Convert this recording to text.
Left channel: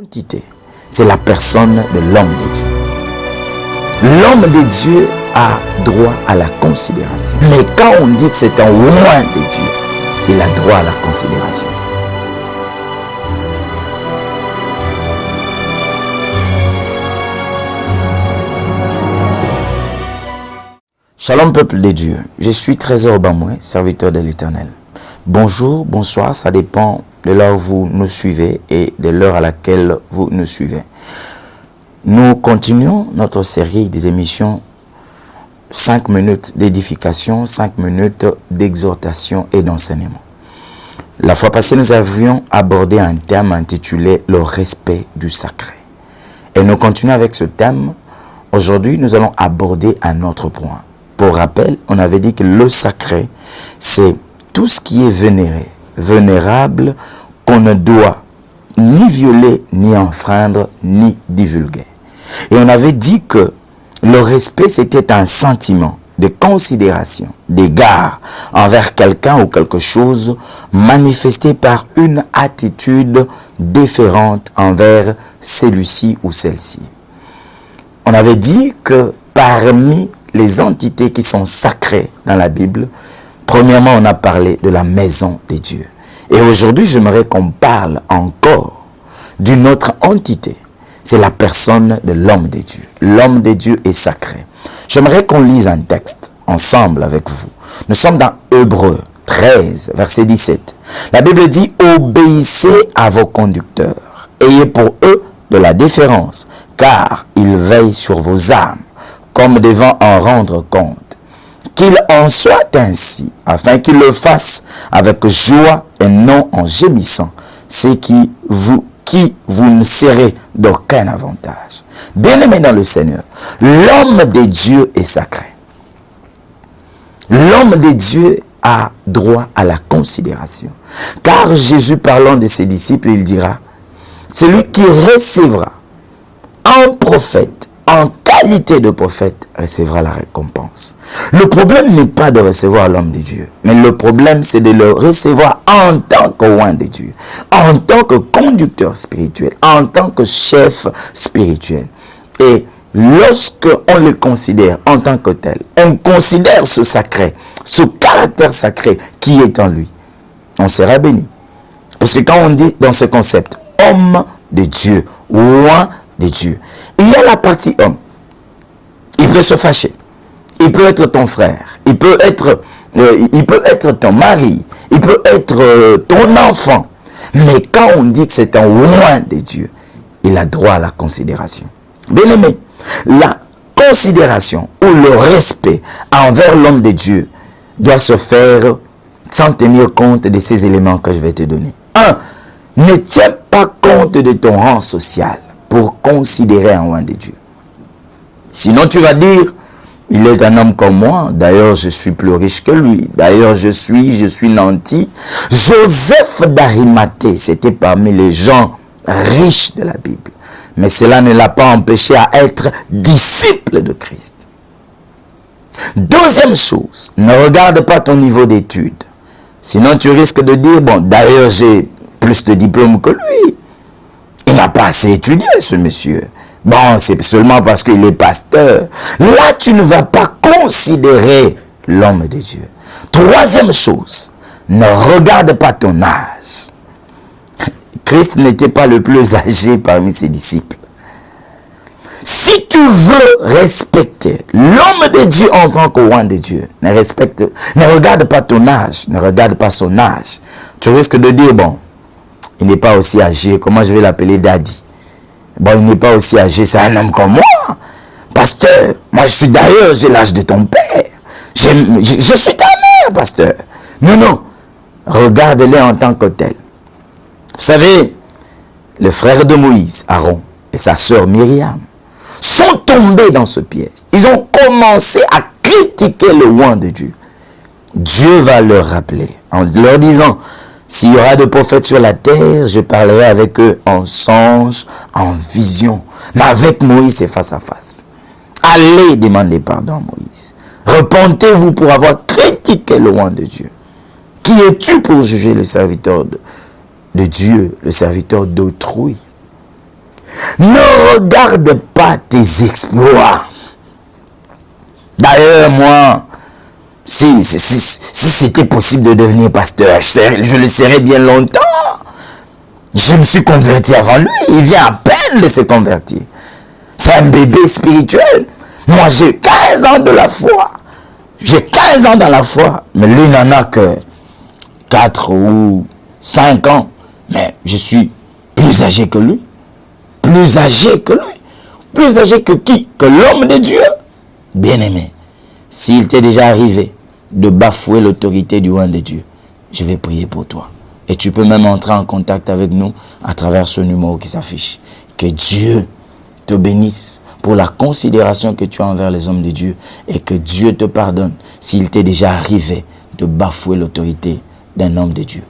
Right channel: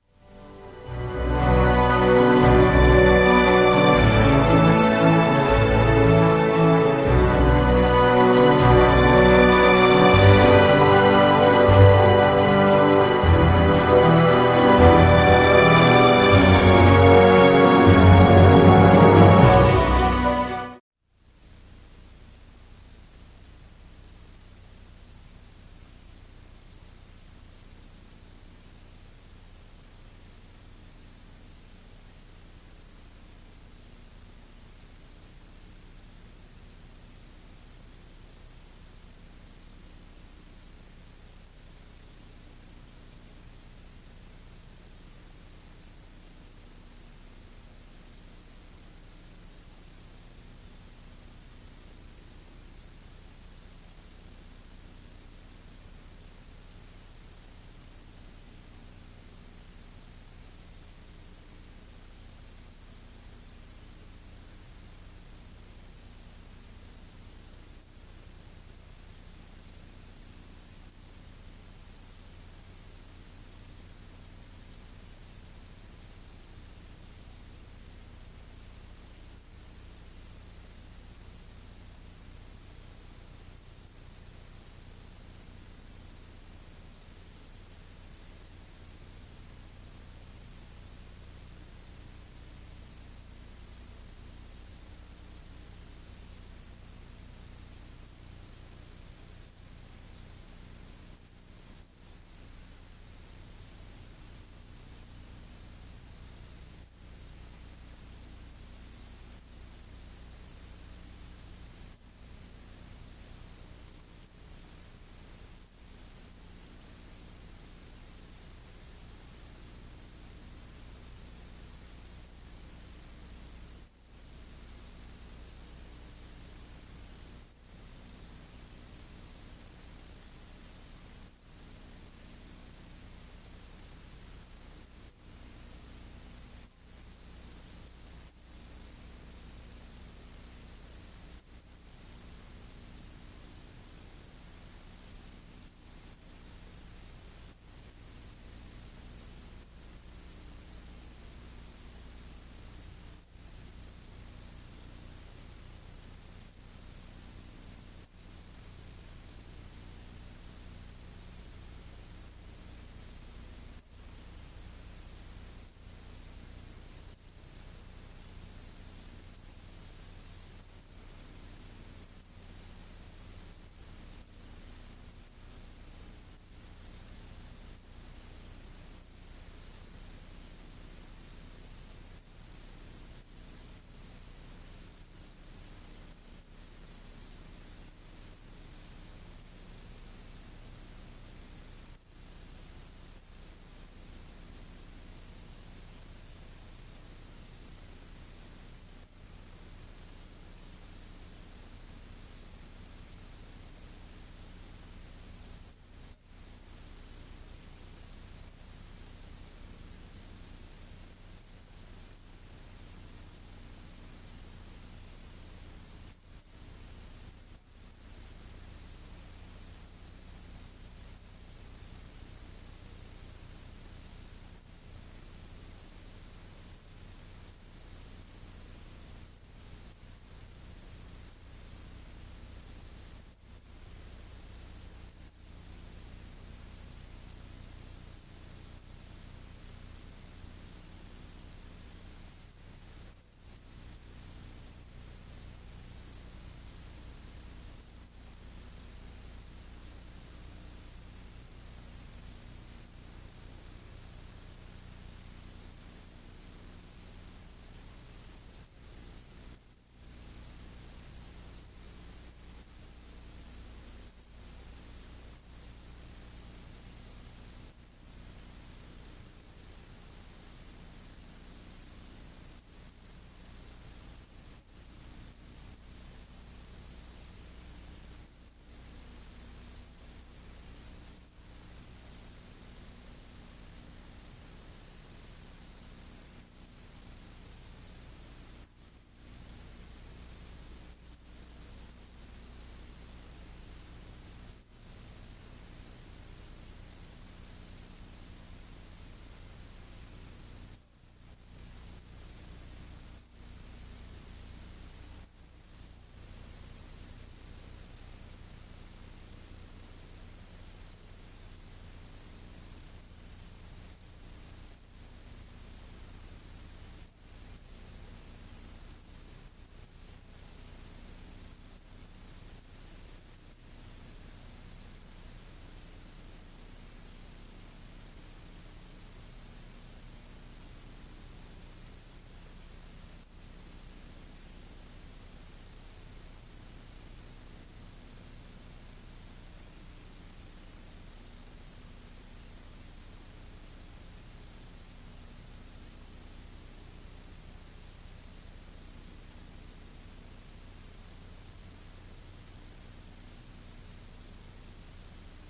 Entité, c'est la personne de l'homme de Dieu. L'homme de Dieu a droit à la considération. Mais quand on dit que c'est un roi de Dieu, il a droit à la considération. Shalom peuple de Dieu, je suis Trésor Bamoué, serviteur de l'Éternel. Bonjour, bonsoir, ça dépend de l'heure où vous nous suivez et de l'heure à laquelle vous nous suivez. Nous continuons notre série des émissions 5 minutes d'édification, 5 minutes d'exhortation et d'enseignement. La fois passée, nous avions abordé un thème intitulé « Le respect du sacré ». Et nous continuons avec ce thème. Aujourd'hui, nous allons aborder un autre point. Pour rappel, on avait dit que le sacré, c'est tout ce qui est vénéré, vénérable, qu'on ne doit ni violer, ni enfreindre, ni divulguer. Et on avait dit que le respect, c'était un sentiment de considération, d'égard envers quelqu'un ou quelque chose manifesté par une attitude différente envers celui-ci ou celle-ci. On avait dit que parmi les entités qui sont sacrées dans la Bible, premièrement, on a parlé de la maison de Dieu. Et aujourd'hui, j'aimerais qu'on parle encore d'une autre entité. C'est la personne de l'homme de Dieu. L'homme de Dieu est sacré. J'aimerais qu'on lise un texte ensemble avec vous. Nous sommes dans Hébreux 13, verset 17. La Bible dit « Obéissez à vos conducteurs. Ayez pour eux de la déférence, car ils veillent sur vos âmes, comme devant en rendre compte. Qu'il en soit ainsi, afin qu'ils le fassent avec joie et non en gémissant, c'est qui vous ne serez d'aucun avantage. » Bien-aimé dans le Seigneur, l'homme de Dieu est sacré. L'homme de Dieu a droit à la considération. Car Jésus, parlant de ses disciples, il dira, celui qui recevra un prophète en qualité de prophète recevra la récompense. Le problème n'est pas de recevoir l'homme de Dieu, mais le problème c'est de le recevoir en tant que roi de Dieu, en tant que conducteur spirituel, en tant que chef spirituel. Et lorsque on le considère en tant que tel, on considère ce sacré, ce caractère sacré qui est en lui, on sera béni. Parce que quand on dit dans ce concept, homme de Dieu, roi de Dieu, il y a la partie homme. Il peut se fâcher. Il peut être ton frère. Il peut être ton mari. Il peut être ton enfant. Mais quand on dit que c'est un roi de Dieu, il a droit à la considération. Bien aimé, la considération ou le respect envers l'homme de Dieu doit se faire sans tenir compte de ces éléments que je vais te donner. 1. Ne tiens pas compte de ton rang social pour considérer un roi de Dieu. Sinon tu vas dire, il est un homme comme moi, d'ailleurs je suis plus riche que lui, d'ailleurs je suis nanti. Joseph d'Arimathée, c'était parmi les gens riches de la Bible. Mais cela ne l'a pas empêché à être disciple de Christ. Deuxième chose, ne regarde pas ton niveau d'études. Sinon tu risques de dire, bon d'ailleurs j'ai plus de diplômes que lui. Il n'a pas assez étudié, ce monsieur. Bon, c'est seulement parce qu'il est pasteur. Là, tu ne vas pas considérer l'homme de Dieu. Troisième chose, ne regarde pas ton âge. Christ n'était pas le plus âgé parmi ses disciples. Si tu veux respecter l'homme de Dieu en tant que roi de Dieu, ne regarde pas ton âge, ne regarde pas son âge. Tu risques de dire, bon, il n'est pas aussi âgé, comment je vais l'appeler daddy? Bon, il n'est pas aussi âgé, c'est un homme comme moi. Pasteur, moi je suis d'ailleurs, j'ai l'âge de ton père. Je suis ta mère, pasteur. Non, regarde-les en tant que tel. Vous savez, le frère de Moïse, Aaron, et sa sœur Myriam, sont tombés dans ce piège. Ils ont commencé à critiquer le roi de Dieu. Dieu va leur rappeler, en leur disant, s'il y aura des prophètes sur la terre, je parlerai avec eux en songe, en vision. Mais avec Moïse, c'est face à face. Allez demander pardon à Moïse. Repentez-vous pour avoir critiqué le roi de Dieu. Qui es-tu pour juger le serviteur de Dieu, le serviteur d'autrui? Ne regarde pas tes exploits. D'ailleurs, moi, si c'était possible de devenir pasteur, je le serais bien longtemps. Je me suis converti avant lui. Il vient à peine de se convertir. C'est un bébé spirituel. Moi, j'ai 15 ans de la foi. J'ai 15 ans dans la foi. Mais lui n'en a que 4 ou 5 ans. Mais je suis plus âgé que lui. Plus âgé que lui. Plus âgé que qui? Que l'homme de Dieu. Bien-aimé, s'il t'est déjà arrivé de bafouer l'autorité du roi de Dieu, je vais prier pour toi. Et tu peux même entrer en contact avec nous à travers ce numéro qui s'affiche. Que Dieu te bénisse pour la considération que tu as envers les hommes de Dieu et que Dieu te pardonne s'il t'est déjà arrivé de bafouer l'autorité d'un homme de Dieu.